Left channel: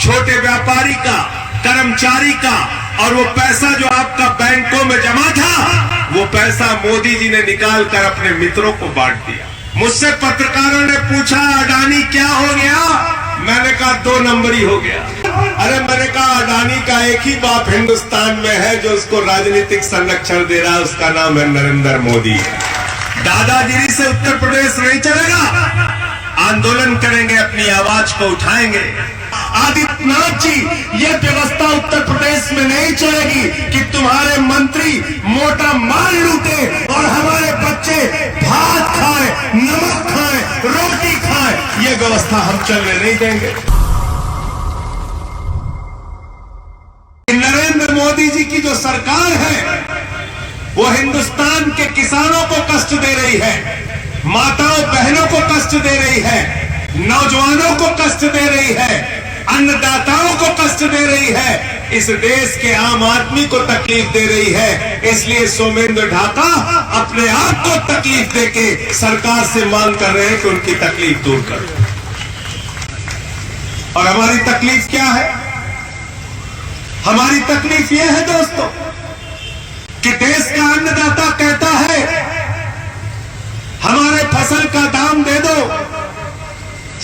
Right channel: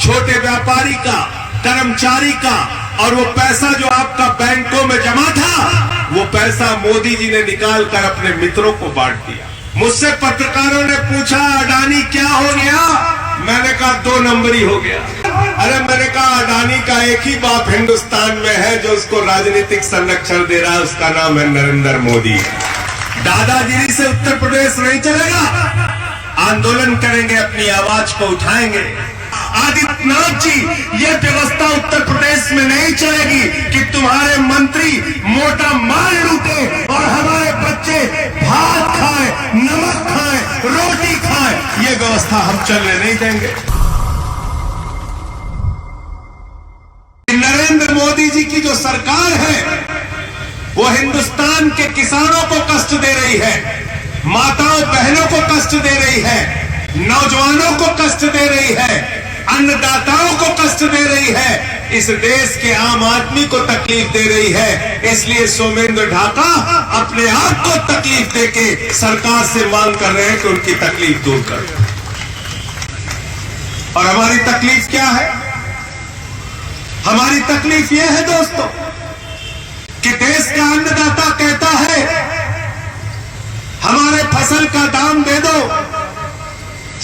छोटे व्यापारी का, कर्मचारी का, और वो पैसा जो आपका बैंकों में जमा था, वो पैसा मोदी जी ने निकाल कर अपने मित्रों को बांट दिया। मुझसे पत्रकारों ने पूछा अडानी क्या हो गया, मैंने कहा 2 नंबरी हो गया। अरे मैंने कहा अडानी का एक ही बाप हिंदुस्तान में है जो उसको राजनीतिक संरक्षण दे रहा है, उसका नाम है नरेंद्र मोदी। दादागिरी से उत्तर प्रदेश नहीं चलेगा, आंदोलन करेंगे, अपनी आवाज को उठाएंगे। आदित्यनाथ जी, ये व्यवस्था उत्तर प्रदेश में नहीं चलेगी कि तुम्हारे मंत्री मोटा माल लूटे और हमारे बच्चे भात खाए, नमक खाए, रोटी खाए। ये व्यवस्था हम चलने नहीं देंगे। नरेंद्र मोदी जी की जो सरकार है वो हिंदुस्तान के किसानों को कष्ट दे रही है, माताओं बहनों को कष्ट दे रही है, नौजवानों को कष्ट दे रही है, अन्नदाताओं को कष्ट दे रही है, इस देश के आम आदमी को तकलीफ दे रही है। इसलिए सोमेंद्र ढाका अपने आप को तकलीफ देके सरकार से मांग कर रहे हैं कि उनकी तकलीफ दूर करो। और हमारी तकलीफ क्या है? हमारी तकलीफ यह है दोस्तों कि देश का अन्नदाता कहता है हमारे फसल का दाम दे दो,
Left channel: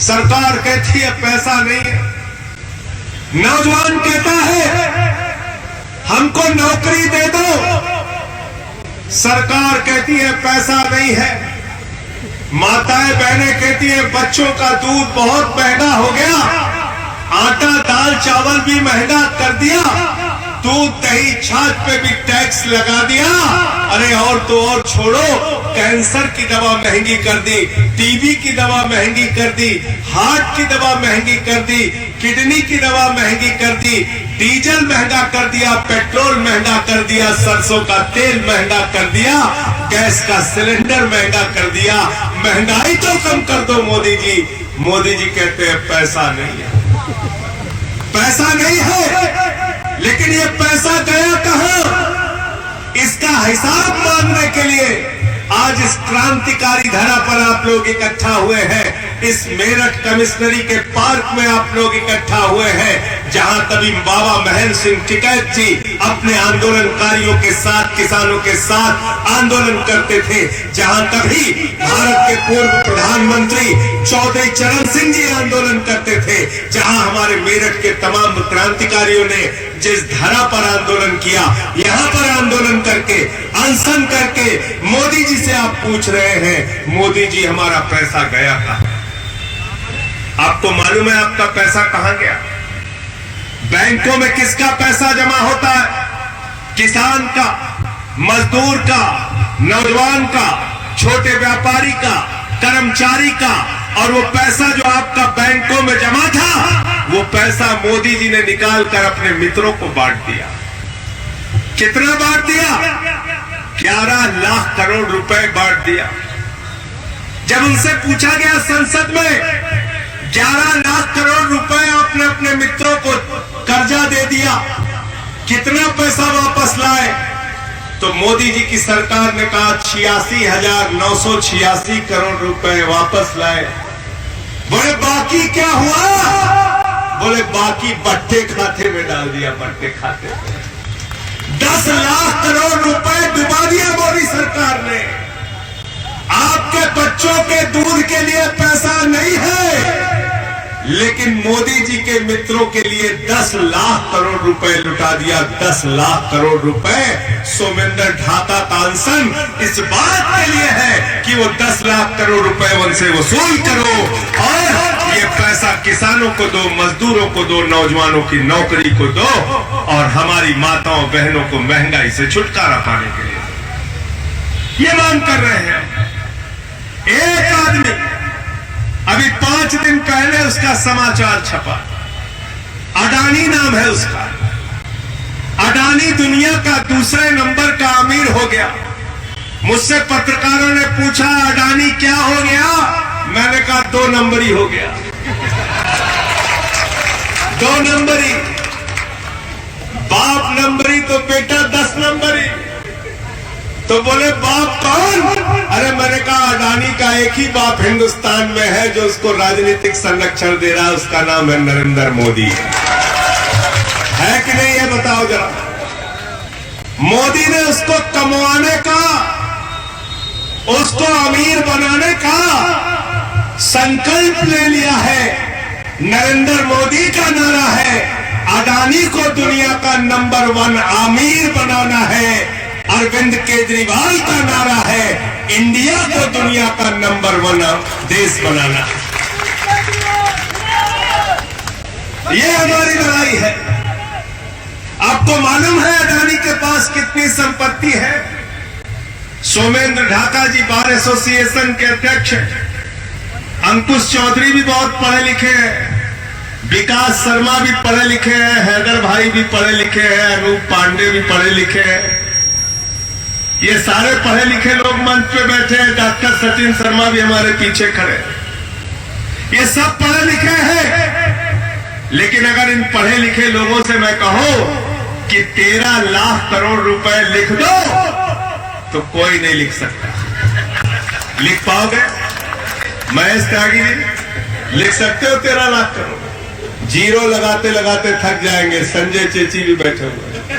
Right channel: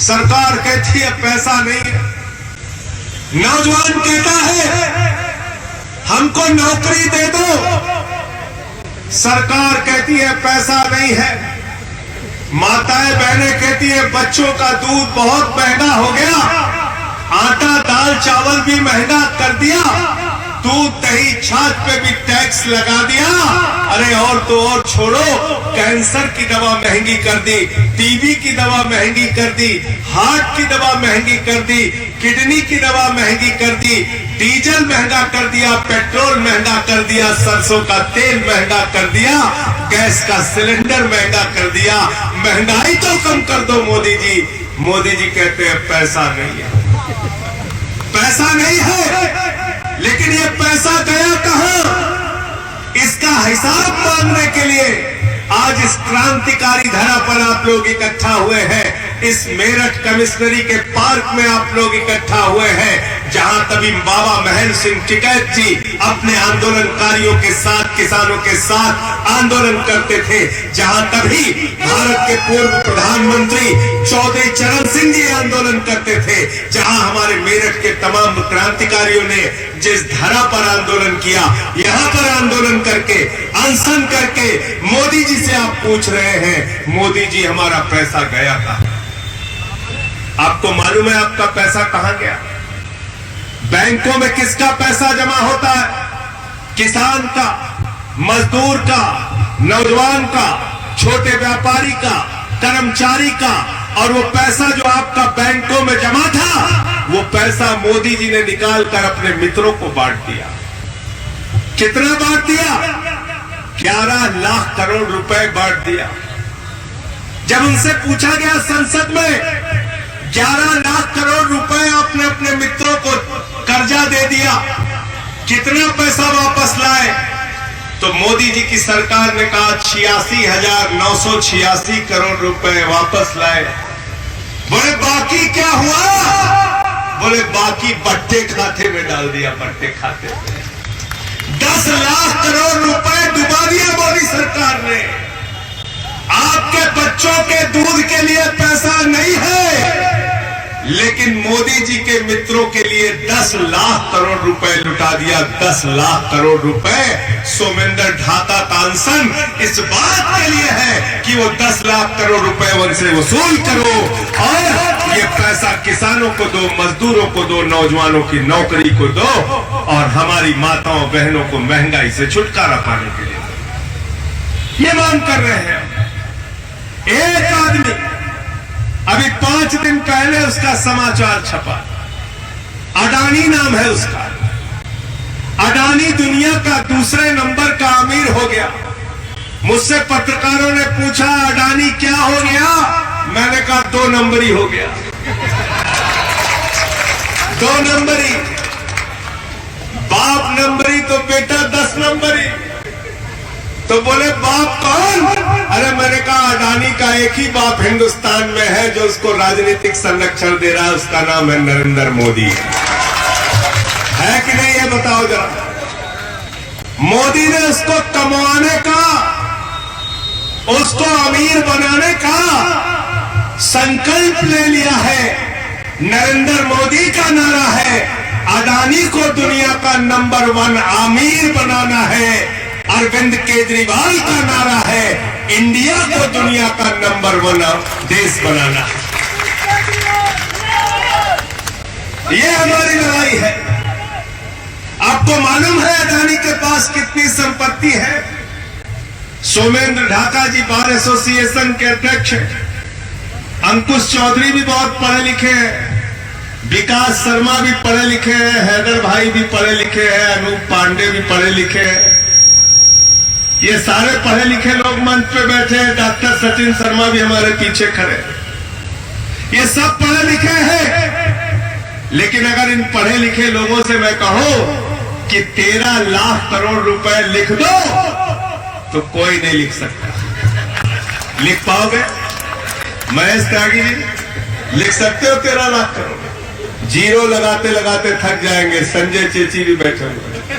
सरकार कहती है पैसा नहीं है। नौजवान कहता है हमको नौकरी दे दो, सरकार कहती है पैसा नहीं है। माताएं बहनें कहती है बच्चों का दूध बहुत महंगा हो गया, आटा दाल चावल भी महंगा कर दिया, दूध दही छाछ पे भी टैक्स लगा दिया। अरे और तो और छोड़ो, कैंसर की दवा महंगी कर दी, टीबी की दवा महंगी कर दी, हार्ट की दवा महंगी कर दी, किडनी की दवा महंगी कर दी, डीजल महंगा कर दिया, पेट्रोल महंगा कर दिया, सरसों का तेल महंगा कर दिया, गैस का सिलेंडर महंगा कर दिया। महंगाई तो कम कर दो मोदी जी। मोदी जी कहते हैं पैसा नहीं है, पैसा नहीं है। लेकिन ये पैसा गया कहां, इसका हिसाब मांगने के लिए आज इस क्रांतिकारी धरा पर आप लोग इकट्ठा हुए हैं। इस मेरठ कमिश्नरी के पार्क में आप लोग इकट्ठा हुए हैं, जहां कभी बाबा महेंद्र सिंह टिकैत जी अपने आंदोलनकारियों के साथ, किसानों के साथ आंदोलन करते थे, जहां कभी भारत के पूर्व प्रधानमंत्री चौधरी चरण सिंह जी आंदोलन करते थे, जहां हमारे मेरठ के तमाम क्रांतिकारियों ने जिस धरा पर आंदोलन किया, यहां पर आंदोलन करके, अनशन करके मोदी जी से आप पूछ रहे हैं मोदी जी हमारा पैसा गया कहां? आपको मालूम है आपका पैसा कहां गया? बैंकों में किसका पैसा जमा होता है? किसान का, मजदूर का, नौजवान का, छोटे व्यापारी का, कर्मचारी का। और वो पैसा जो आपका बैंकों में जमा था, वो पैसा मोदी जी ने निकाल कर अपने मित्रों को बांट दिया। कितना बांट दिया? 11 लाख करोड़ रुपए बांट दिया। जब उनसे पूछा गया संसद में 11 लाख करोड़ रुपए आपने अपने मित्रों को कर्जा दे दिया, कितना पैसा वापस लाए? तो मोदी जी की सरकार ने कहा 86,986 करोड़ रुपए वापस लाए। बोले बाकी क्या हुआ? बोले बाकी बट्टे खाते में डाल दिया, बट्टे खाते में 10 लाख करोड़ रुपए डुबा दिया मोदी सरकार ने। आपके बच्चों के दूध के लिए पैसा नहीं है, लेकिन मोदी जी के मित्रों के लिए 10 लाख करोड़ रुपए लुटा दिया। 10 लाख करोड़ रुपए सोमेंद्र ढाका का अनशन इस बात के लिए है कि वो 10 लाख करोड़ रुपए उनसे वसूल करो और ये पैसा किसानों को दो, मजदूरों को दो, नौजवानों की नौकरी को दो और हमारी माताओं बहनों को महंगाई से छुटकारा पाने के लिए ये मांग कर रहे हैं। एक आदमी अभी 5 दिन पहले उसका समाचार छपा, अडानी नाम है उसका। अडानी दुनिया का दूसरे नंबर का अमीर हो गया। मुझसे पत्रकारों ने पूछा अडानी क्या हो गया, मैंने कहा 2 नंबरी हो गया। 2 नंबरी, बाप नंबरी तो बेटा 10 नंबरी। तो बोले बाप कौन? अरे मैंने कहा अडानी का एक ही बाप हिंदुस्तान में है जो उसको राजनीतिक संरक्षण दे रहा है, उसका नाम है नरेंद्र मोदी। है कि नहीं, ये बताओ जरा। मोदी ने उसको कमाने का, उसको अमीर बनाने का संकल्प ले लिया है। नरेंद्र मोदी का नारा है अडानी को दुनिया का नंबर 1 अमीर बनाना है। अरविंद केजरीवाल का नारा है इंडिया को दुनिया का नंबर 1 देश बनाना। ये हमारी लड़ाई है। आपको मालूम है अडानी के पास कितनी संपत्ति है? सोमेंद्र ढाका जी बार एसोसिएशन के अध्यक्ष, अंकुश चौधरी भी बहुत पढ़े लिखे हैं, विकास शर्मा भी पढ़े लिखे हैं, हैदर भाई भी पढ़े लिखे हैं, अनूप पांडे भी पढ़े लिखे हैं। ये सारे पढ़े लिखे लोग मंच पे बैठे हैं। डॉक्टर सचिन शर्मा भी हमारे पीछे खड़े हैं। ये सब पढ़े लिखे हैं। लेकिन अगर इन पढ़े लिखे लोगों से मैं कहूं कि 13 लाख करोड़ रुपए लिख दो तो कोई नहीं लिख सकता। लिख पाओगे? महेश त्यागी जी लिख सकते हो 13 लाख करोड़? जीरो लगाते लगाते थक जाएंगे। संजय चेची भी बैठे हुए,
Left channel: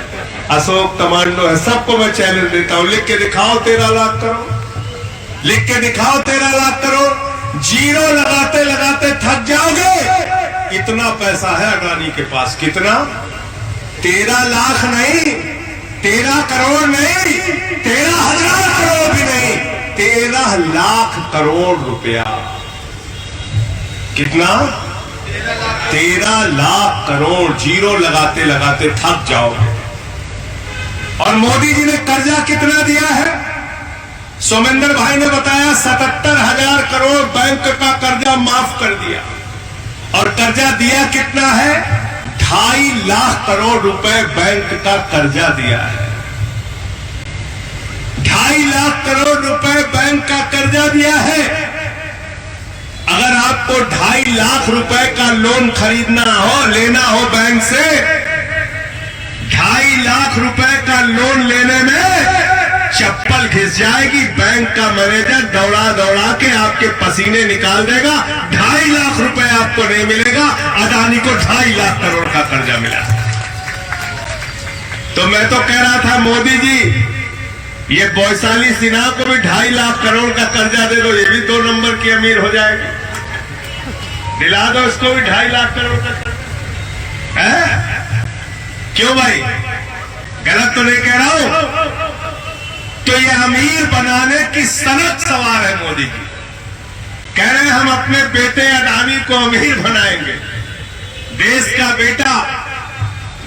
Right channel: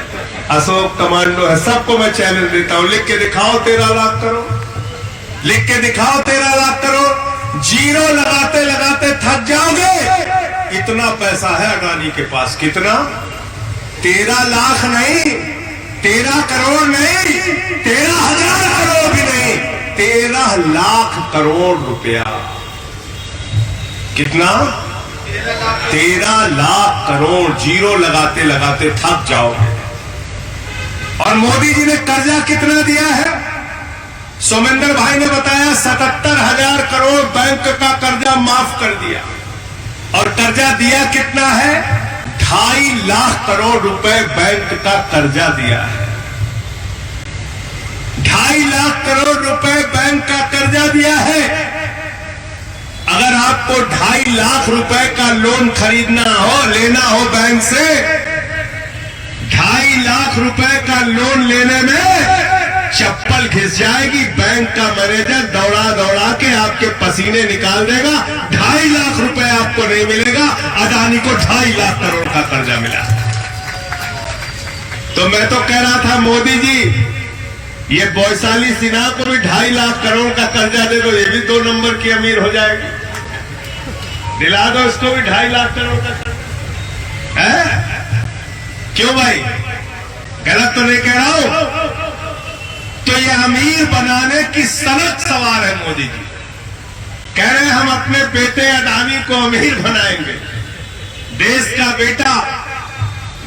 अशोक कमांडो है, सबको मैं चैलेंज देता हूं, लिख के दिखाओ 13 लाख करोड़। लिख के दिखाओ 13 लाख करोड़। जीरो लगाते लगाते थक जाओगे। इतना पैसा है अडानी के पास। कितना? 13 लाख नहीं, 13 करोड़ नहीं, 13,000 करोड़ भी नहीं, 13 लाख करोड़ रुपया। कितना? 13 लाख करोड़। जीरो लगाते लगाते थक जाओगे। और मोदी जी ने कर्जा कितना दिया है? सोमेंद्र भाई ने बताया 77,000 करोड़ बैंक का कर्जा माफ कर दिया। और कर्जा दिया कितना है? 2.5 लाख करोड़ रुपए बैंक का कर्जा दिया है। 2.5 लाख करोड़ रुपए बैंक का कर्जा दिया है। अगर आपको 2.5 लाख रुपए का लोन खरीदना हो, लेना हो बैंक से, 2.5 लाख रुपए का लोन लेने में चप्पल घिस जाएगी। बैंक का मैनेजर दौड़ा दौड़ा के आपके पसीने निकाल देगा। 2.5 लाख रुपए आपको नहीं मिलेगा। अडानी को 2.5 लाख करोड़ का कर्जा मिला। तो मैं तो कह रहा था मोदी जी, ये वैशाली सिन्हा को भी 2.5 लाख करोड़ का कर्जा दे दो, ये भी 2 नंबर की अमीर हो जाएगी। दिला दो इसको भी 2.5 लाख करोड़ का कर्जा। क्यों भाई, गलत तो नहीं कह रहा हूं? तो ये अमीर बनाने की सनक सवार है मोदी जी। कह रहे हैं हम अपने बेटे अडानी को अमीर बनाएंगे। देश का बेटा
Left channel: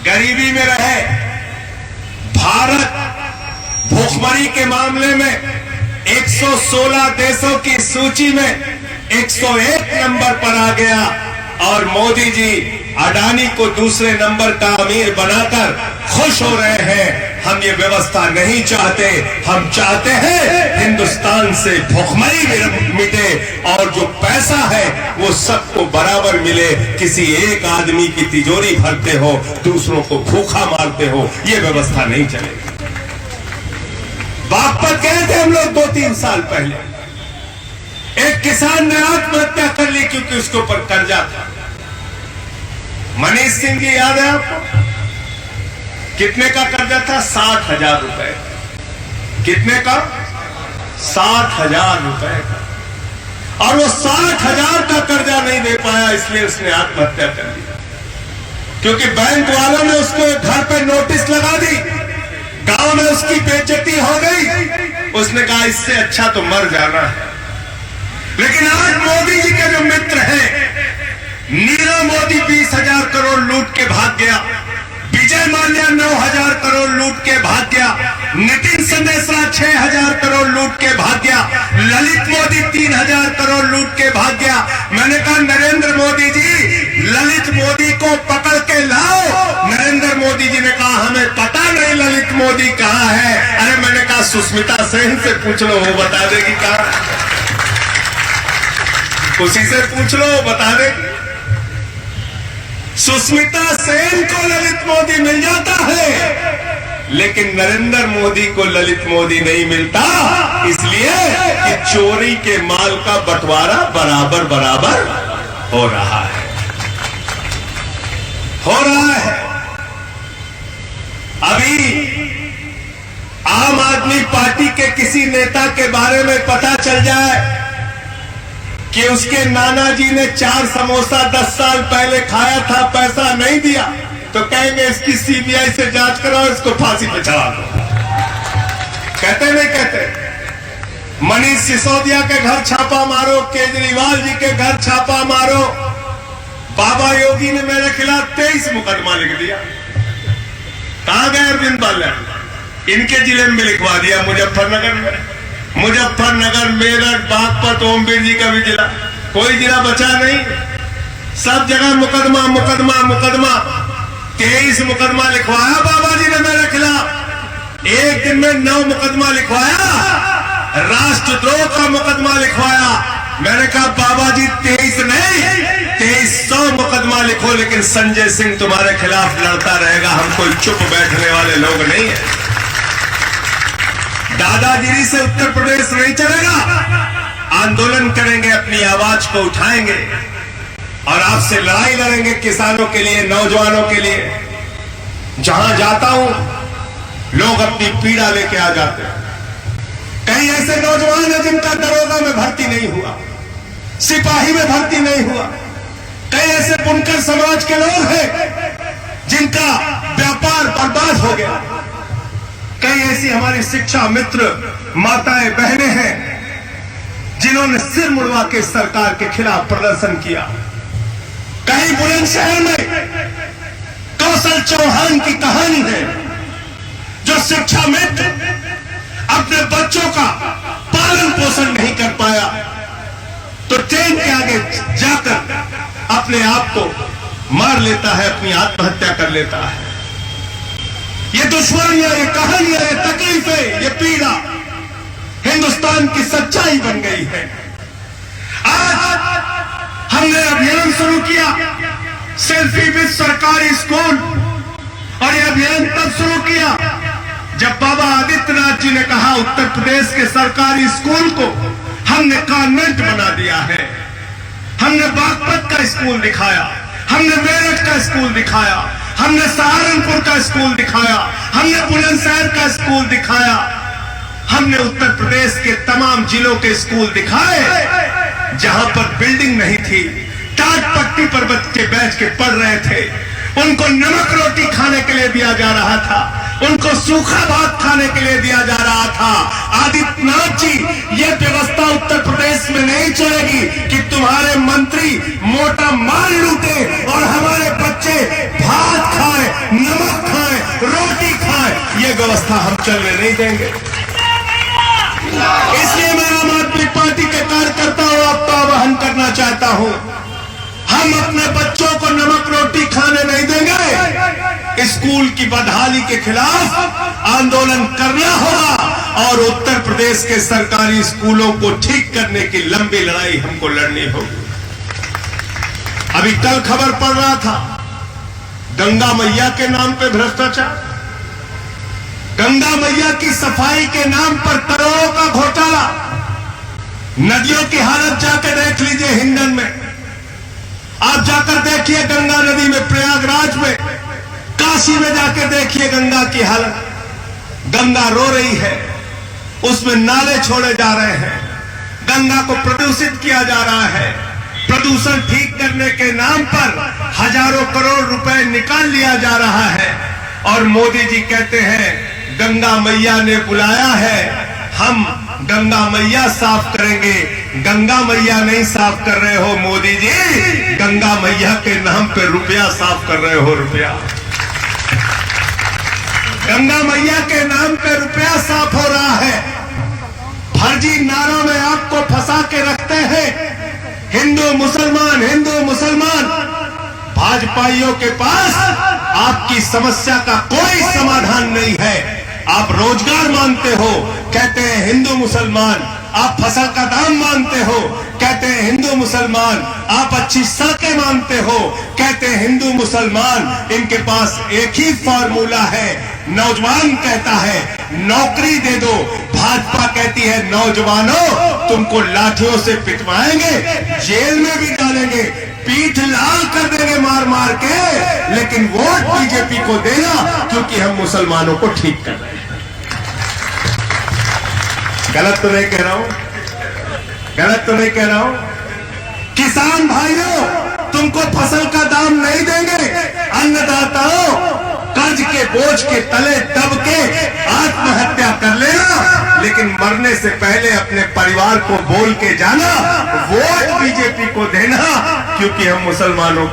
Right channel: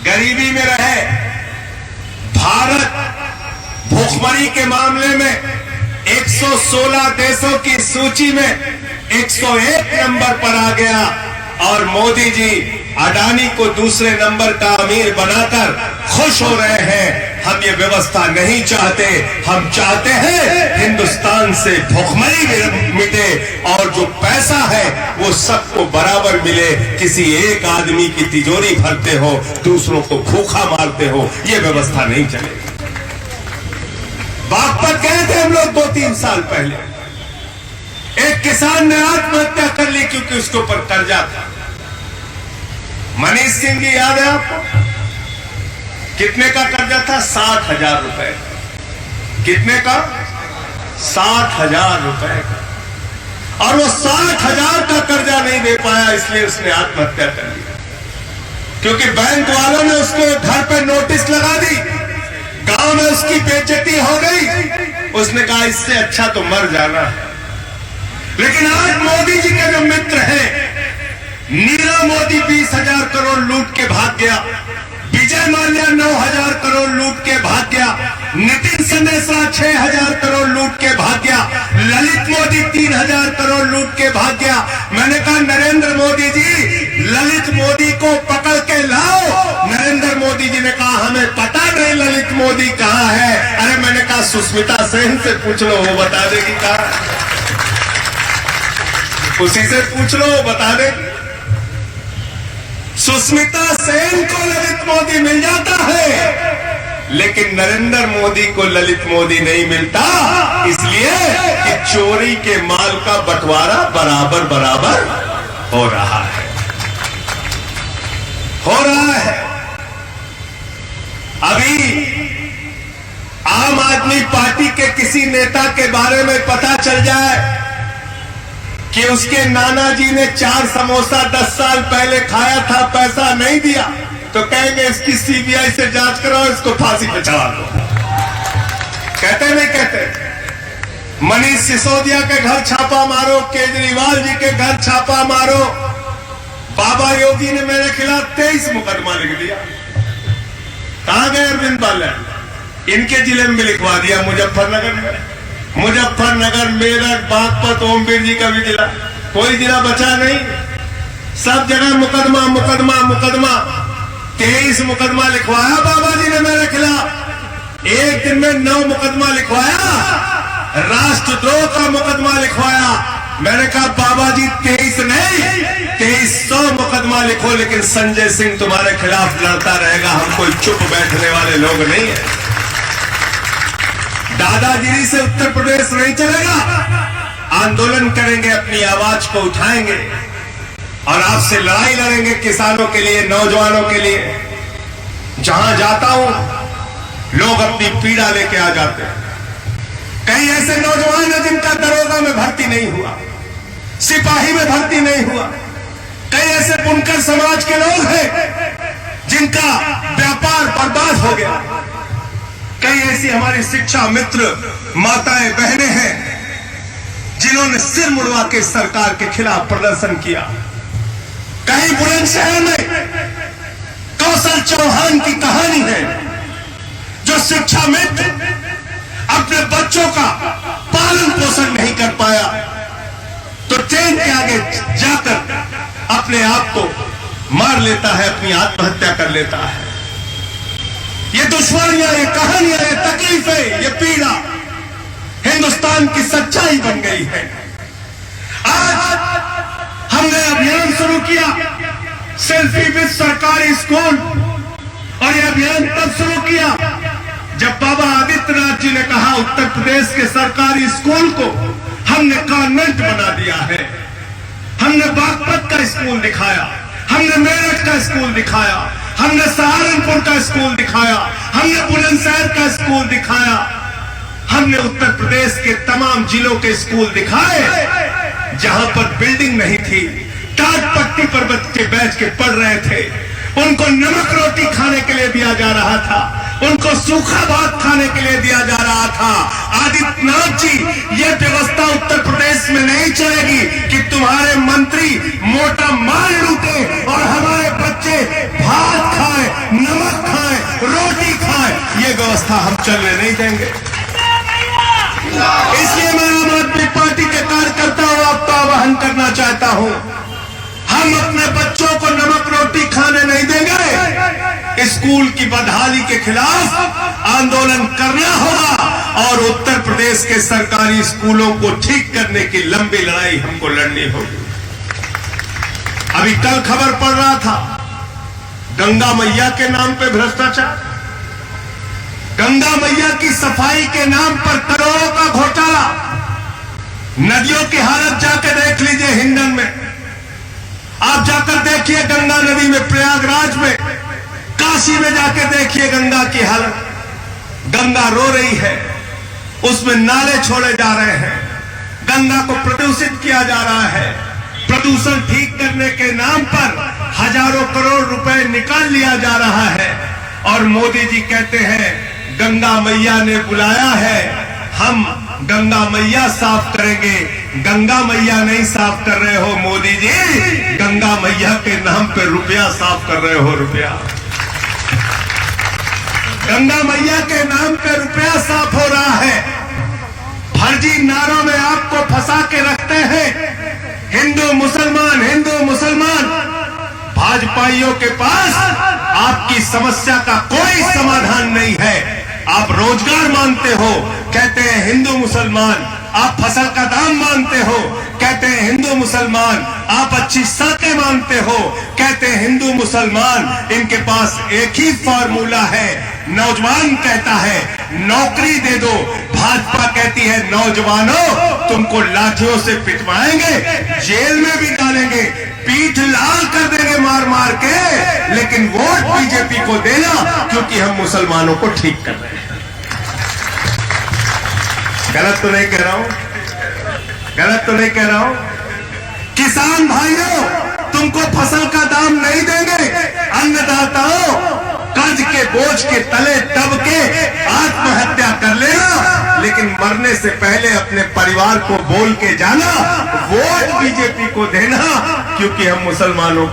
गरीबी में रहे। भारत भूखमरी के मामले में 116 देशों की सूची में 101 नंबर पर आ गया। और मोदी जी अडानी को दूसरे नंबर का अमीर बनाकर खुश हो रहे हैं। हम ये व्यवस्था नहीं चाहते। हम चाहते हैं हिंदुस्तान से भूखमरी मिटे और जो पैसा है वो सबको बराबर मिले। किसी एक आदमी की तिजोरी भरते हो, दूसरों को भूखा मारते हो, ये व्यवस्था नहीं चलेगी। बागपत गए थे हम लोग 2-3 साल पहले। एक किसान ने आत्महत्या कर ली क्योंकि उसके ऊपर कर्जा था। मनीष सिंह जी याद है आपको? कितने का कर्जा था? 60,000 रुपए। कितने का? 60,000 रुपए का। और वो 60,000 का कर्जा नहीं दे पाया, इसलिए उसने आत्महत्या कर ली। क्योंकि बैंक वालों ने उसको घर पे नोटिस लगा दी, गांव में उसकी बेइज्जती हो गई। उसने कहा इससे अच्छा तो मर जाना है। लेकिन आज मोदी जी के जो मित्र हैं, नीरव मोदी 20,000 करोड़ लूट के भाग गया। विजय माल्या 9,000 करोड़ लूट के भाग गया। नितिन संदेशा 6,000 करोड़ लूट के भाग गया। ललित मोदी 3,000 करोड़ लूट के भाग गया। मैंने कहा नरेंद्र मोदी जी, ललित मोदी को पकड़ के लाओ। नरेंद्र मोदी जी ने कहा हमें पता नहीं ललित मोदी कहाँ है। अरे मैंने कहा सुष्मिता सेन से पूछ लो, वो बता देगी कहाँ। उसी से पूछ लो, वो बता दे। सुष्मिता सेन को ललित मोदी मिल जाता है, लेकिन नरेंद्र मोदी को ललित मोदी नहीं मिलता, इसलिए कि चोरी के माल का बंटवारा बराबर बराबर हो रहा है। कभी आम आदमी पार्टी के किसी नेता के बारे में पता चल जाए कि उसके नाना जी ने 4 समोसा 10 साल पहले खाया था, पैसा नहीं दिया, तो कहेंगे इसकी सीबीआई से जांच कराओ, इसको फांसी पे चढ़ा दो। कहते नहीं कहते? मनीष सिसोदिया के घर छापा मारो, केजरीवाल जी के घर छापा मारो, बाबा योगी ने मेरे खिलाफ 23 मुकदमा लिख दिया। कहां गए अरविंद बाला? इनके जिले में लिखवा दिया, मुजफ्फरनगर में। मुजफ्फरनगर, मेरठ, बागपत, ओमबीर जी का भी जिला, कोई जिला बचा नहीं। सब जगह मुकदमा मुकदमा मुकदमा। 23 मुकदमा लिखवाया बाबा जी ने मेरे खिलाफ। एक दिन में 9 मुकदमा लिखवाया, राष्ट्रद्रोह का मुकदमा लिखवाया। मैंने कहा बाबा जी 23 नहीं 2300 मुकदमा लिखो, लेकिन संजय सिंह तुम्हारे खिलाफ लड़ता रहेगा, हम कोई चुप बैठने वाले लोग नहीं है। दादागिरी से उत्तर प्रदेश नहीं चलेगा, आंदोलन करेंगे, अपनी आवाज को उठाएंगे और आपसे लड़ाई लड़ेंगे किसानों के लिए, नौजवानों के लिए। जहां जाता हूं लोग अपनी पीड़ा लेके आ जाते हैं। कई ऐसे नौजवान हैं जिनका दरोगा में भर्ती नहीं हुआ, सिपाही में भर्ती नहीं हुआ। कई ऐसे बुनकर समाज के लोग हैं जिनका व्यापार बर्बाद हो गया। कई ऐसी हमारी शिक्षा मित्र माताएं बहनें हैं जिन्होंने सिर मुड़वा के सरकार के खिलाफ प्रदर्शन किया। कहीं बुलंदशहर में कौशल चौहान की कहानी है, जो शिक्षा मित्र अपने बच्चों का पालन पोषण नहीं कर पाया तो ट्रेन के आगे जाकर अपने आप को मार लेता है, अपनी आत्महत्या कर लेता है। ये दुश्मनियां, ये कहानियां, ये तकलीफें, ये पीड़ा हिंदुस्तान की सच्चाई बन गई है। आज हमने अभियान शुरू किया सेल्फी विद सरकारी स्कूल, और यह अभियान तब शुरू किया जब बाबा आदित्यनाथ जी ने कहा उत्तर प्रदेश के सरकारी स्कूल को हमने कॉन्वेंट बना दिया है। हमने बागपत का स्कूल दिखाया, हमने मेरठ का स्कूल दिखाया, हमने सहारनपुर का स्कूल दिखाया, हमने बुलंदशहर का स्कूल दिखाया, हमने उत्तर प्रदेश के तमाम जिलों के स्कूल दिखाए जहां पर बिल्डिंग नहीं थी, टाट पट्टी पर बच्चे बैठ के पढ़ रहे थे, उनको नमक रोटी खाने के लिए दिया जा रहा था, उनको सूखा भात खाने के लिए दिया जा रहा था। आदित्यनाथ जी, ये व्यवस्था उत्तर प्रदेश में नहीं चलेगी कि तुम्हारे मंत्री मोटा माल लूटे और हमारे बच्चे भात खाए, नमक खाए, रोटी खाए। ये व्यवस्था हम चलने नहीं देंगे। इसलिए मैं आम आदमी पार्टी के कार्यकर्ताओं का आह्वान करना चाहता हूं, हम अपने बच्चों को नमक रोटी खाने नहीं देंगे। स्कूल की बदहाली के खिलाफ आंदोलन करना होगा और उत्तर प्रदेश के सरकारी स्कूलों को ठीक करने की लंबी लड़ाई हमको लड़नी होगी। अभी कल खबर पड़ रहा था गंगा मैया के नाम पे भ्रष्टाचार, गंगा मैया की सफाई के नाम पर करोड़ों का घोटाला। नदियों की हालत जाकर देख लीजिए, हिंडन में आप जाकर देखिए, गंगा नदी में, प्रयागराज में, काशी में जाके देखिए गंगा की हालत। गंगा रो रही है, उसमें नाले छोड़े जा रहे हैं, गंगा को प्रदूषित किया जा रहा है। प्रदूषण ठीक करने के नाम पर हजारों करोड़ रुपए निकाल लिया जा रहा है और मोदी जी कहते हैं गंगा मैया ने बुलाया है, हम गंगा मैया साफ करेंगे। गंगा मैया नहीं साफ कर रहे हो मोदी जी, गंगा मैया के नाम पे रुपया साफ कर रहे हो, रुपया। गंगा मैया के नाम पे रुपया साफ हो रहा है। फर्जी नारों में आपको फंसा के रखते हैं, हिंदू मुसलमान, हिंदू मुसलमान। भाजपाइयों के पास आपकी समस्या का कोई समाधान नहीं है। आप रोजगार मांगते हो, कहते हैं हिंदू मुसलमान। आप फसल का दाम मांगते हो, कहते हैं हिंदू मुसलमान। आप अच्छी सड़कें मांगते हो, कहते हैं हिंदू मुसलमान। इनके पास एक ही फॉर्मूला है, नौजवान कहता है नौकरी दे दो, भाजपा कहती है नौजवानों तुमको लाठियों से पिटवाएंगे, जेल में भी डालेंगे, पीठ लाल कर देंगे मार मार के, लेकिन वोट बीजेपी को देना, क्योंकि हम मुसलमानों को ठीक कर रहे हैं। गलत तो नहीं कह रहा हूं, गलत तो नहीं कह रहा हूं। किसान भाइयों, तुमको फसल का दाम नहीं देंगे। अन्नदाताओं, कर्ज के बोझ के तले दब के आत्महत्या कर लेना, लेकिन मरने से पहले अपने परिवार को बोल के जाना, वोट बीजेपी को देना, क्योंकि हम मुसलमानों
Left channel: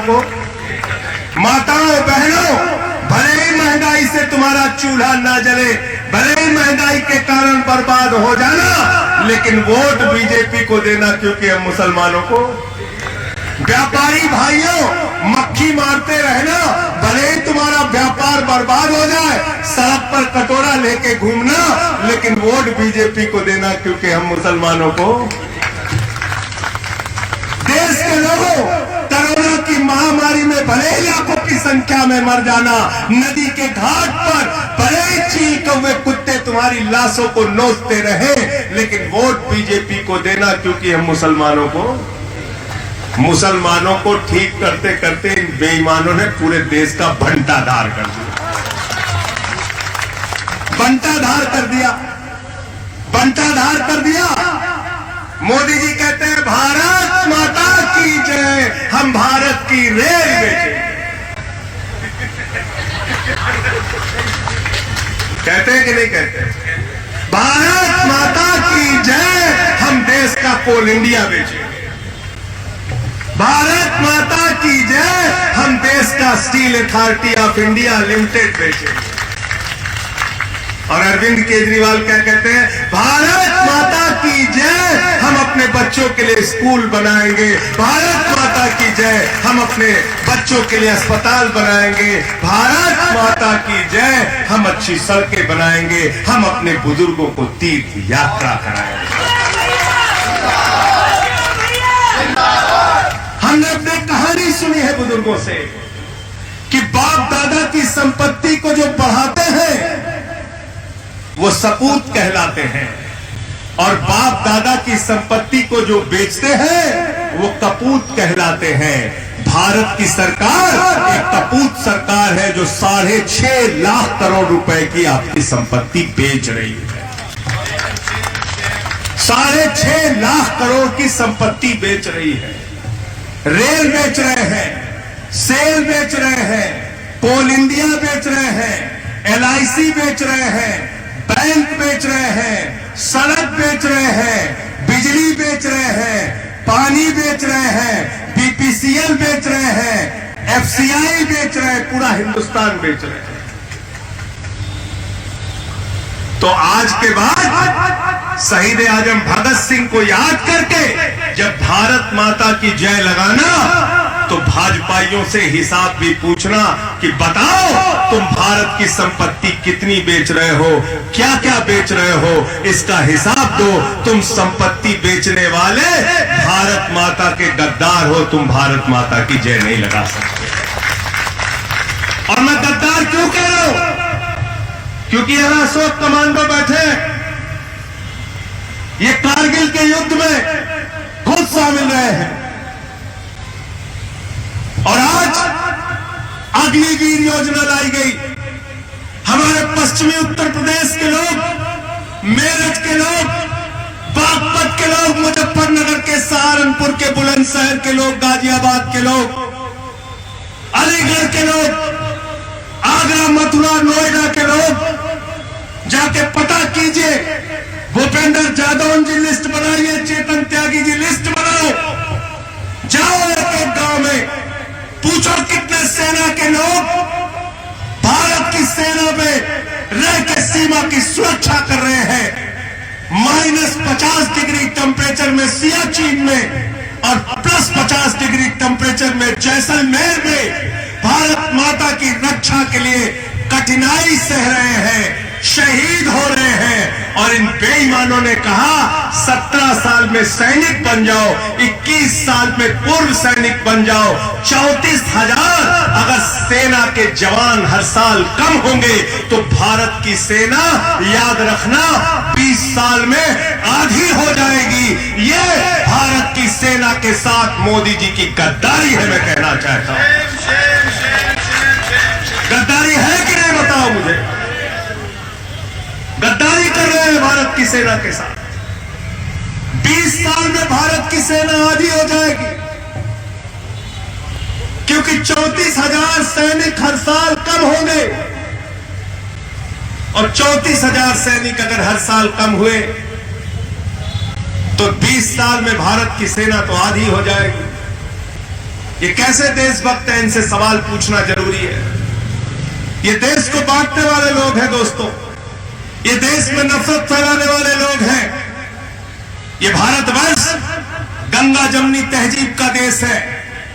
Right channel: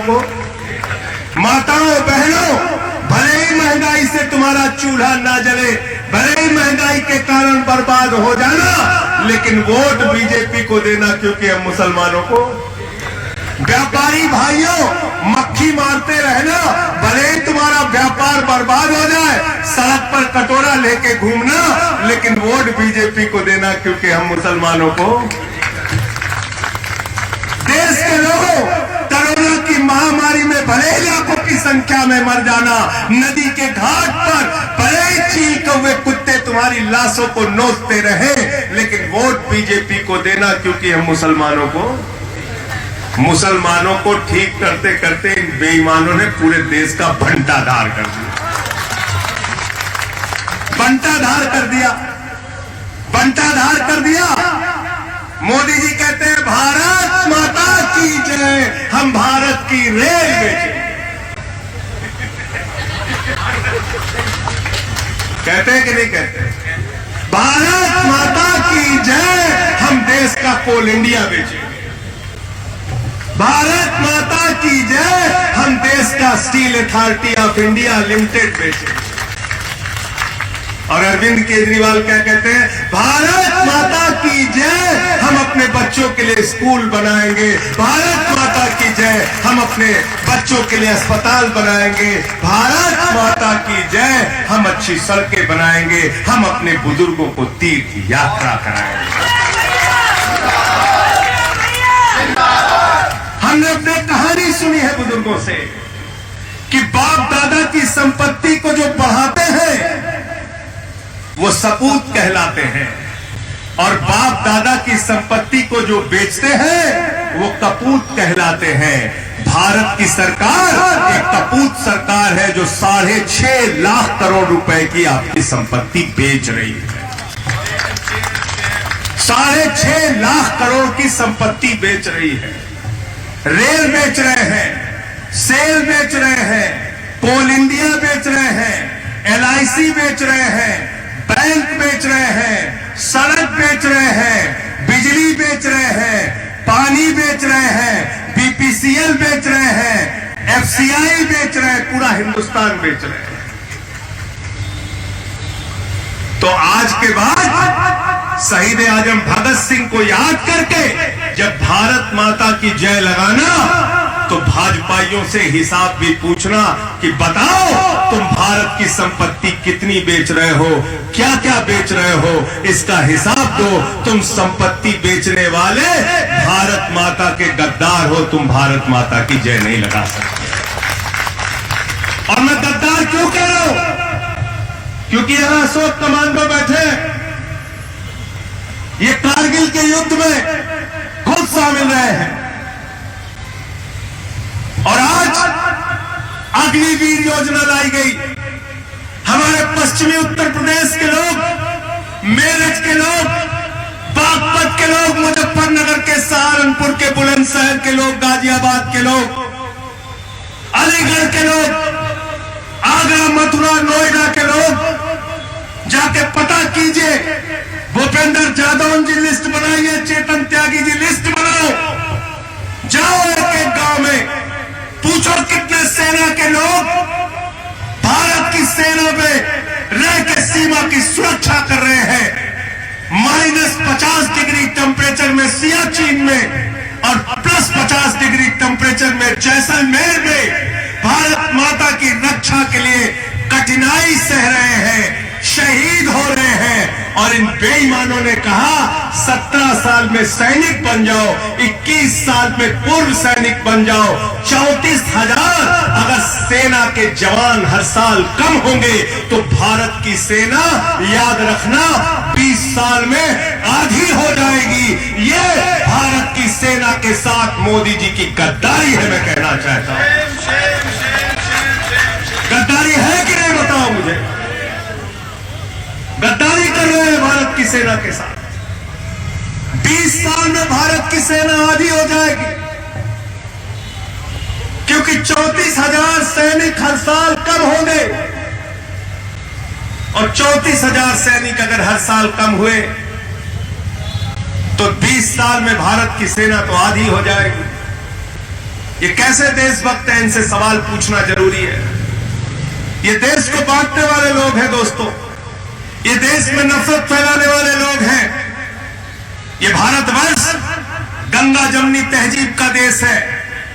को माताओं बहनों, भले ही महंगाई से तुम्हारा चूल्हा ना जले, भले ही महंगाई के कारण बर्बाद हो जाना, लेकिन वोट बीजेपी को देना, क्योंकि हम मुसलमानों को। व्यापारी भाइयों, मक्खी मारते रहना, भले ही तुम्हारा व्यापार बर्बाद हो जाए, सड़क पर कटोरा लेके घूमना, लेकिन वोट बीजेपी को देना, क्योंकि हम मुसलमानों को। देश के लोगों, कोरोना की महामारी में भले ही लाखों की संख्या में मर जाना, नदी के घाट पर भले ही चीखते हुए कुत्ते तुम्हारी लाशों को नोचते रहे, लेकिन वोट बीजेपी को देना, क्योंकि हम मुसलमानों को ठीक करते करते इन बेईमानों ने पूरे देश का बंटाधार कर दिया, बंटाधार कर दिया। मोदी जी कहते हैं भारत माता की जय, हम भारत की रेल बेचे। कहते हैं कि नहीं कहते? भारत माता की जय, हम देश का कोल इंडिया बेचे। भारत माता की जय, हम देश का steel authority of India limited बेचे। और अरविंद केजरीवाल क्या कहते हैं? भारत माता की जय, हम अपने बच्चों के लिए स्कूल बनाएंगे। भारत माता की जय, हम अपने बच्चों के लिए अस्पताल बनाएंगे। भारत माता की जय, हम अच्छी सड़कें बनाएंगे। हम अपने बुजुर्गों को तीर्थ यात्रा कराएंगे। हमने अपने कहानी सुनी है बुजुर्गों से कि बाप दादा की संपत्ति को जो बढ़ाते हैं वो सपूत कहलाते हैं, और बाप दादा की संपत्ति को जो बेचते हैं वो कपूत कहलाते हैं। भारत की सरकार एक कपूत सरकार है जो 6.5 लाख करोड़ रुपए की आपकी संपत्ति बेच रही है। 6.5 लाख करोड़ की संपत्ति बेच रही है। रेल बेच रहे हैं, सेल बेच रहे हैं, कोल इंडिया बेच रहे हैं, LIC बेच रहे हैं, बैंक बेच रहे हैं, सड़क बेच रहे हैं, बिजली बेच रहे हैं, पानी बेच रहे हैं, BPCL बेच रहे हैं, FCI बेच रहे हैं, पूरा हिंदुस्तान बेच रहे हैं। तो आज के बाद शहीद आजम भगत सिंह को याद करके जब भारत माता की जय लगाना, तो भाजपाइयों से हिसाब भी पूछना कि बताओ तुम भारत की संपत्ति कितनी बेच रहे हो, क्या क्या बेच रहे हो, इसका हिसाब दो। तुम संपत्ति बेचने वाले भारत माता के गद्दार हो, तुम भारत माता की जय नहीं लगा सकते। और मैं गद्दार क्यों कह रहा हूं? क्योंकि यहां अशोक कमांडो बैठे, ये कारगिल के युद्ध में खुद शामिल रहे हैं, और आज अग्निवीर योजना लाई गई। हमारे पश्चिमी उत्तर प्रदेश के लोग, मेरठ के लोग, बागपत के लोग, मुजफ्फरनगर के, सहारनपुर के, बुलंदशहर के लोग, गाजियाबाद के लोग, अलीगढ़ के लोग, आगरा, मथुरा, नोएडा के लोग, जाके पता कीजिए। भूपेंद्र जादव जी लिस्ट बनाइए, चेतन त्यागी जी लिस्ट बनाओ, जाओ एक एक गांव में पूछो कितने सेना के लोग भारत की सेना में रह के सीमा की सुरक्षा कर रहे हैं। -50 डिग्री टेम्परेचर में सियाचिन में और +50 डिग्री टेम्परेचर में जैसलमेर में भारत माता की रक्षा के लिए कठिनाई सह रहे हैं, शहीद हो रहे हैं और इन बेईमानों ने कहा 17 साल में सैनिक बन जाओ, 21 साल में पूर्व सैनिक बन जाओ, 34,000 अगर सेना के जवान हर साल कम होंगे तो भारत की सेना याद रखना 20 साल में आधी हो जाएगी। ये भारत की सेना के साथ मोदी जी की गद्दारी है, मैं कहना चाहता हूं। गद्दारी है कि नहीं बताओ मुझे। गद्दारी कर रहे हैं भारत की सेना के साथ। 20 साल में भारत की सेना आधी हो जाएगी, क्योंकि 34,000 सैनिक हर साल कम होंगे और 34,000 सैनिक अगर हर साल कम हुए तो 20 साल में भारत की सेना तो आधी हो जाएगी। ये कैसे देशभक्त हैं, इनसे सवाल पूछना जरूरी है। ये देश को बांटने वाले लोग हैं दोस्तों, ये देश में नफरत फैलाने वाले लोग हैं। ये भारतवर्ष गंगा जमुनी तहजीब का देश है,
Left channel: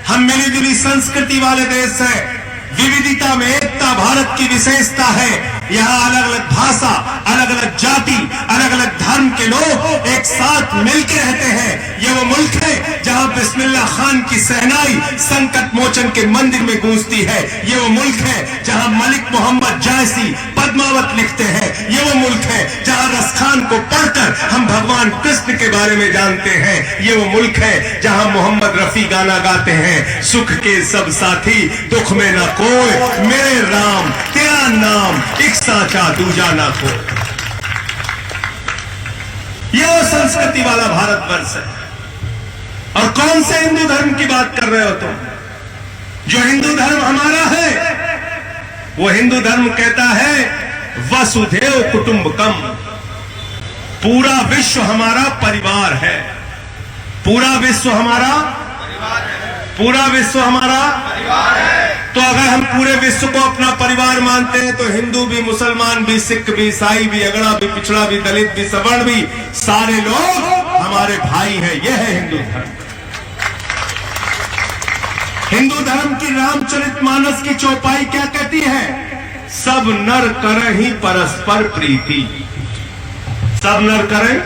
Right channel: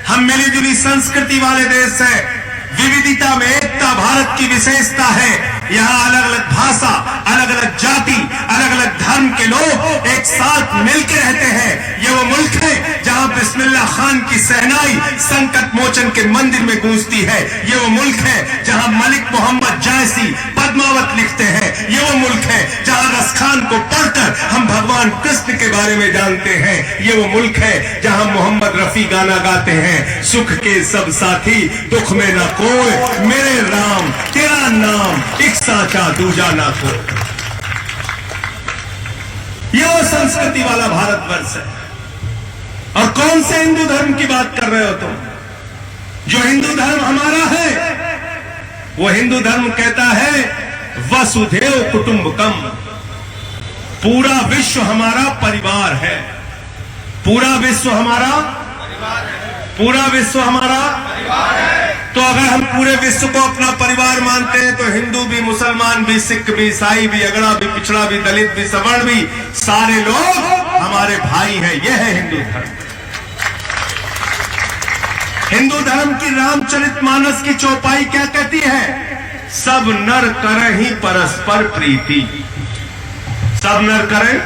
हम मिलीजुली संस्कृति वाले देश है, विविधता में एकता भारत की विशेषता है। यहाँ अलग अलग भाषा, अलग अलग जाति, अलग अलग धर्म के लोग एक साथ मिलकर रहते हैं। ये वो मुल्क है जहाँ बिस्मिल्लाह खान की सहनाई संकट मोचन के मंदिर में गूंजती है। ये वो मुल्क है जहाँ मलिक मोहम्मद जायसी पद्मावत लिखते हैं। ये वो मुल्क है जहाँ रस खान को पढ़कर हम भगवान कृष्ण के बारे में जानते हैं। ये वो मुल्क है जहाँ मोहम्मद रफी गाना गाते हैं, सुख के सब साथी दुख में न कोई, मेरे राम तेरा नाम एक साचा दूजा ना को। यह संस्कृति वाला भारतवर्ष है। और कौन से हिंदू धर्म की बात कर रहे हो तुम? जो हिंदू धर्म हमारा है वो हिंदू धर्म कहता है वसुधैव कुटुंबकम, पूरा विश्व हमारा परिवार है। पूरा विश्व हमारा परिवार है। तो अगर हम पूरे विश्व को अपना परिवार मानते हैं तो हिंदू भी, मुसलमान भी, सिख भी, ईसाई भी, अगड़ा भी, पिछड़ा भी, दलित भी, सवर्ण भी, सारे लोग हमारे भाई हैं। यह है हिंदू धर्म। हिंदू धर्म की रामचरितमानस की चौपाई क्या कहती है? सब नर करें ही परस्पर प्रीति। सब नर करें,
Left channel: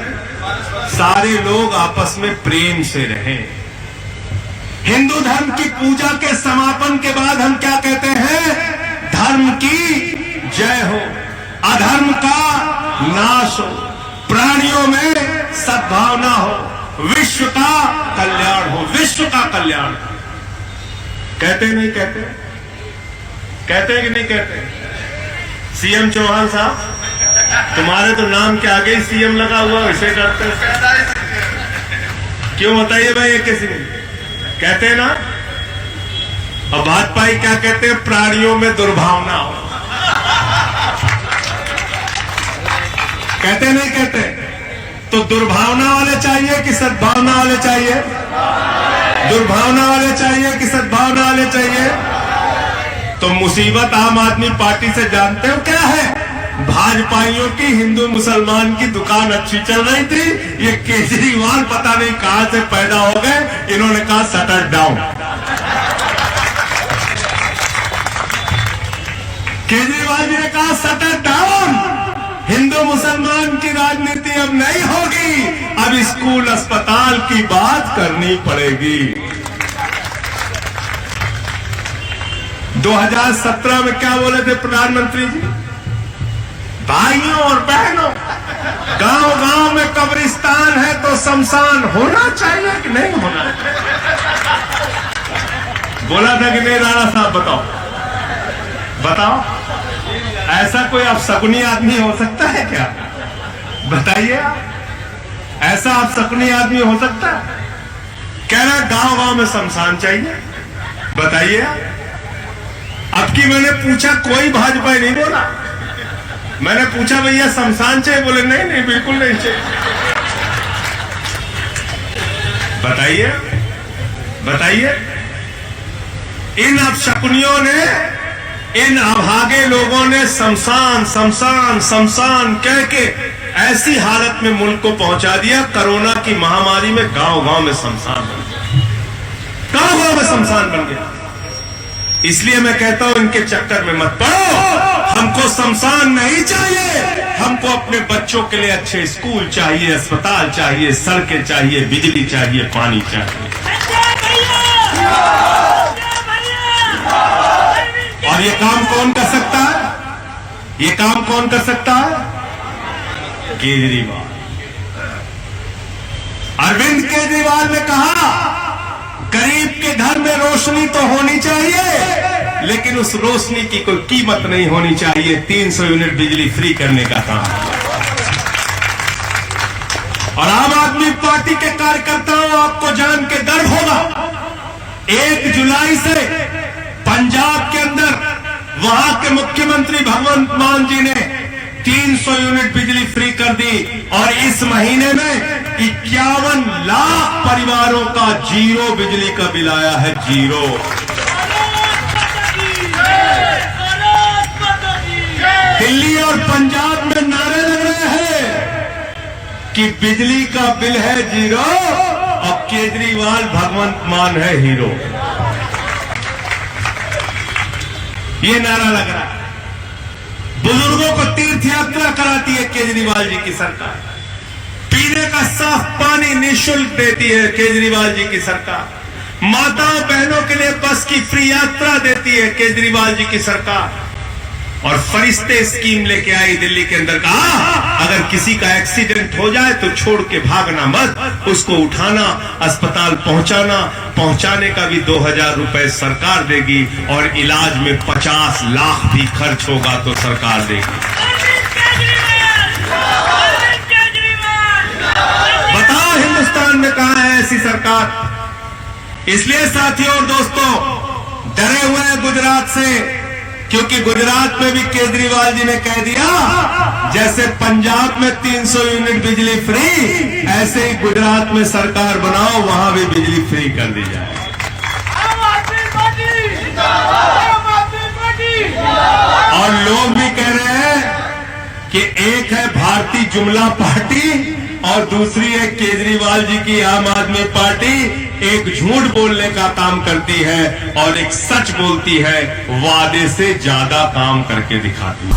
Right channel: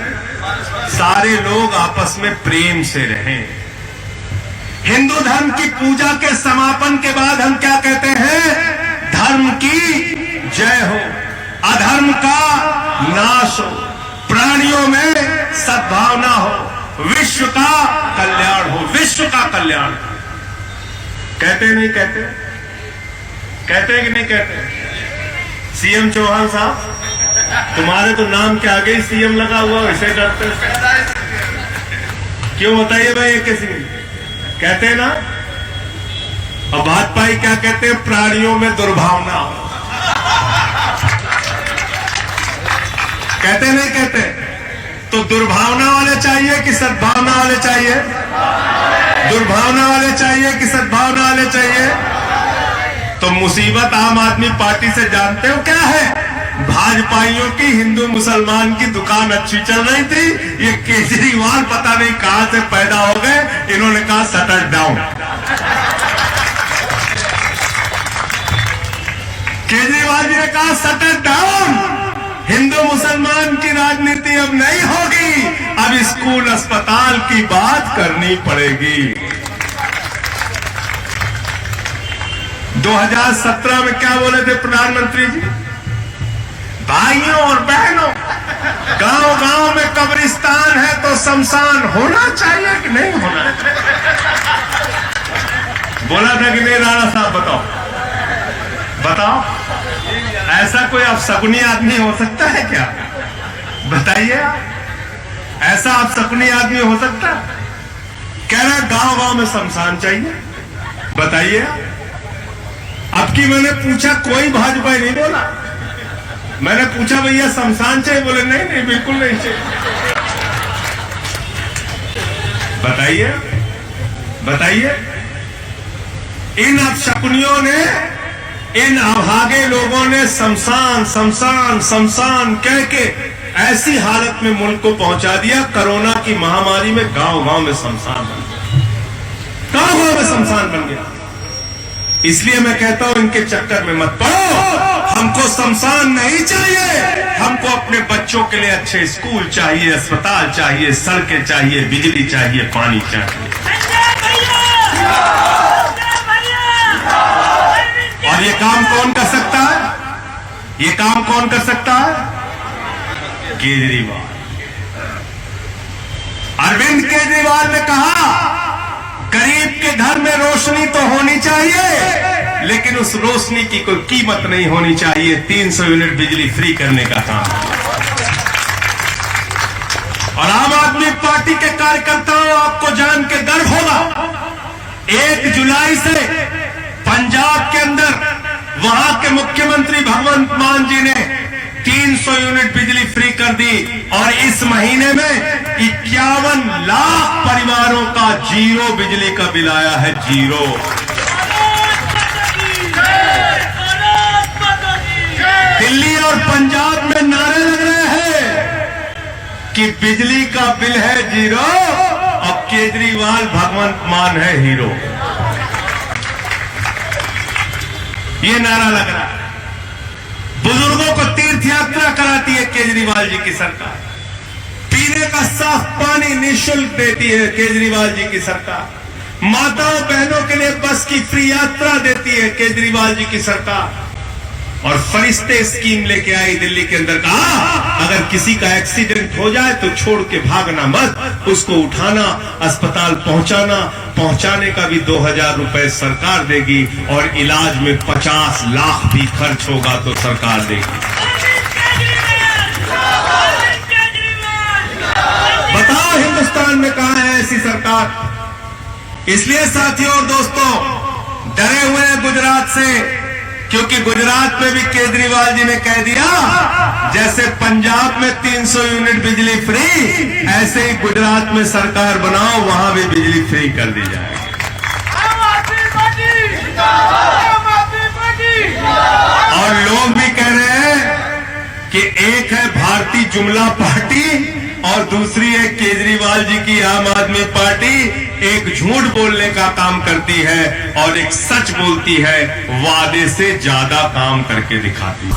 सारे लोग आपस में प्रेम से रहें। हिंदू धर्म की पूजा के समापन के बाद हम क्या कहते हैं? धर्म की जय हो, अधर्म का नाश हो, प्राणियों में सद्भावना हो, विश्व का कल्याण हो। विश्व का कल्याण कहते नहीं कहते? कहते कि नहीं कहते? सीएम चौहान साहब, तुम्हारे तो नाम के आगे ही सीएम लगा हुआ, इसे करते क्यों? बताइए भाई, किसी कहते हैं ना। अब भाजपाई क्या कहते हैं? प्राणियों में दुर्भावना हो। कहते नहीं कहते? तो दुर्भावना वाले चाहिए कि सद्भावना वाले चाहिए? दुर्भावना वाले चाहिए कि सद्भावना वाले चाहिए? तो मुसीबत आम आदमी पार्टी से जानते हो क्या है? भाजपाइयों की हिंदू मुसलमान की दुकान अच्छी चल रही थी, ये केजरीवाल पता नहीं कहां से पैदा हो गए, इन्होंने कहा शटर डाउन। केजरीवाल जी ने कहा शटर डाउन, हिंदू मुसलमान की राजनीति अब नहीं होगी, अब स्कूल अस्पताल की बात करनी पड़ेगी। 2017 में क्या बोले थे प्रधानमंत्री जी? भाइयों और बहनों, गांव गांव में कब्रिस्तान है तो शमशान होना चाहिए कि नहीं होना चाहिए? बोला था कि नहीं राणा साहब? बताओ, ऐसा कोई अपशकुनी आदमी हो सकता है क्या? बताइए, ऐसा अपशकुनी आदमी हो सकता है? कह रहा गांव गांव में शमशान चाहिए। बताइए, अब की मैंने पूछा, कोई भाजपा नहीं बोला। मैंने पूछा भैया शमशान चाहिए? बोले नहीं, बिल्कुल नहीं चाहिए। बताइए, इन अपशकुनियों ने, इन अभागे लोगों ने शमशान कह के ऐसी हालत में मुल्क को पहुंचा दिया। कोरोना की महामारी में गांव गांव में शमशान बन गया, गांव गांव में शमशान बन गया। इसलिए मैं कहता हूं इनके चक्कर में मत पड़ो। हमको शमशान नहीं चाहिए, हमको अपने बच्चों के लिए अच्छे स्कूल चाहिए, अस्पताल चाहिए, सड़कें चाहिए, बिजली चाहिए, पानी चाहिए। और ये काम कौन कर सकता है? ये काम कौन कर सकता है? केजरीवाल। अरविंद केजरीवाल ने कहा गरीब के घर में रोशनी तो होनी चाहिए, लेकिन उस रोशनी की कोई कीमत नहीं होनी चाहिए। 300 यूनिट बिजली फ्री करने का काम। और आम आदमी पार्टी के कार्यकर्ताओं, आपको जान के गर्व होगा, 1 जुलाई से पंजाब के अंदर वहां के मुख्यमंत्री भगवंत मान जी ने 300 यूनिट बिजली फ्री कर दी। और इस महीने में 51 लाख परिवारों का जीरो बिजली का बिल आया है, जीरो। दिल्ली और पंजाब में नारे लग रहे हैं कि बिजली का बिल है जीरो और केजरीवाल भगवंत मान है हीरो। ये नारा लग रहा है। बुजुर्गों को तीर्थ यात्रा कराती है केजरीवाल जी की सरकार। पीने का साफ पानी निःशुल्क देती है केजरीवाल जी की सरकार। माताओं बहनों के लिए बस की फ्री यात्रा देती है केजरीवाल जी की सरकार। और फरिश्ते स्कीम लेके आई दिल्ली के अंदर। कहा अगर किसी का एक्सीडेंट हो जाए तो छोड़ के भागना मत, उसको उठाना, अस्पताल पहुंचाने का भी 2000 रुपए सरकार देगी और इलाज में 50 लाख भी खर्च होगा तो सरकार देगी। बताओ हिंदुस्तान में कहां है ऐसी सरकार? इसलिए साथियों और दोस्तों, डरे हुए हैं गुजरात से, क्योंकि गुजरात में भी केजरीवाल जी ने कह दिया जैसे पंजाब में 300 यूनिट बिजली फ्री, ऐसे ही गुजरात में सरकार बनाओ, वहां भी बिजली फ्री कर दी जाए। और लोग भी कह रहे हैं कि एक है भारतीय जुमला पार्टी और दूसरी है केजरीवाल जी की आम आदमी पार्टी। एक झूठ बोलने का काम करती है और एक सच बोलती है, वादे से ज्यादा काम करके दिखाती है।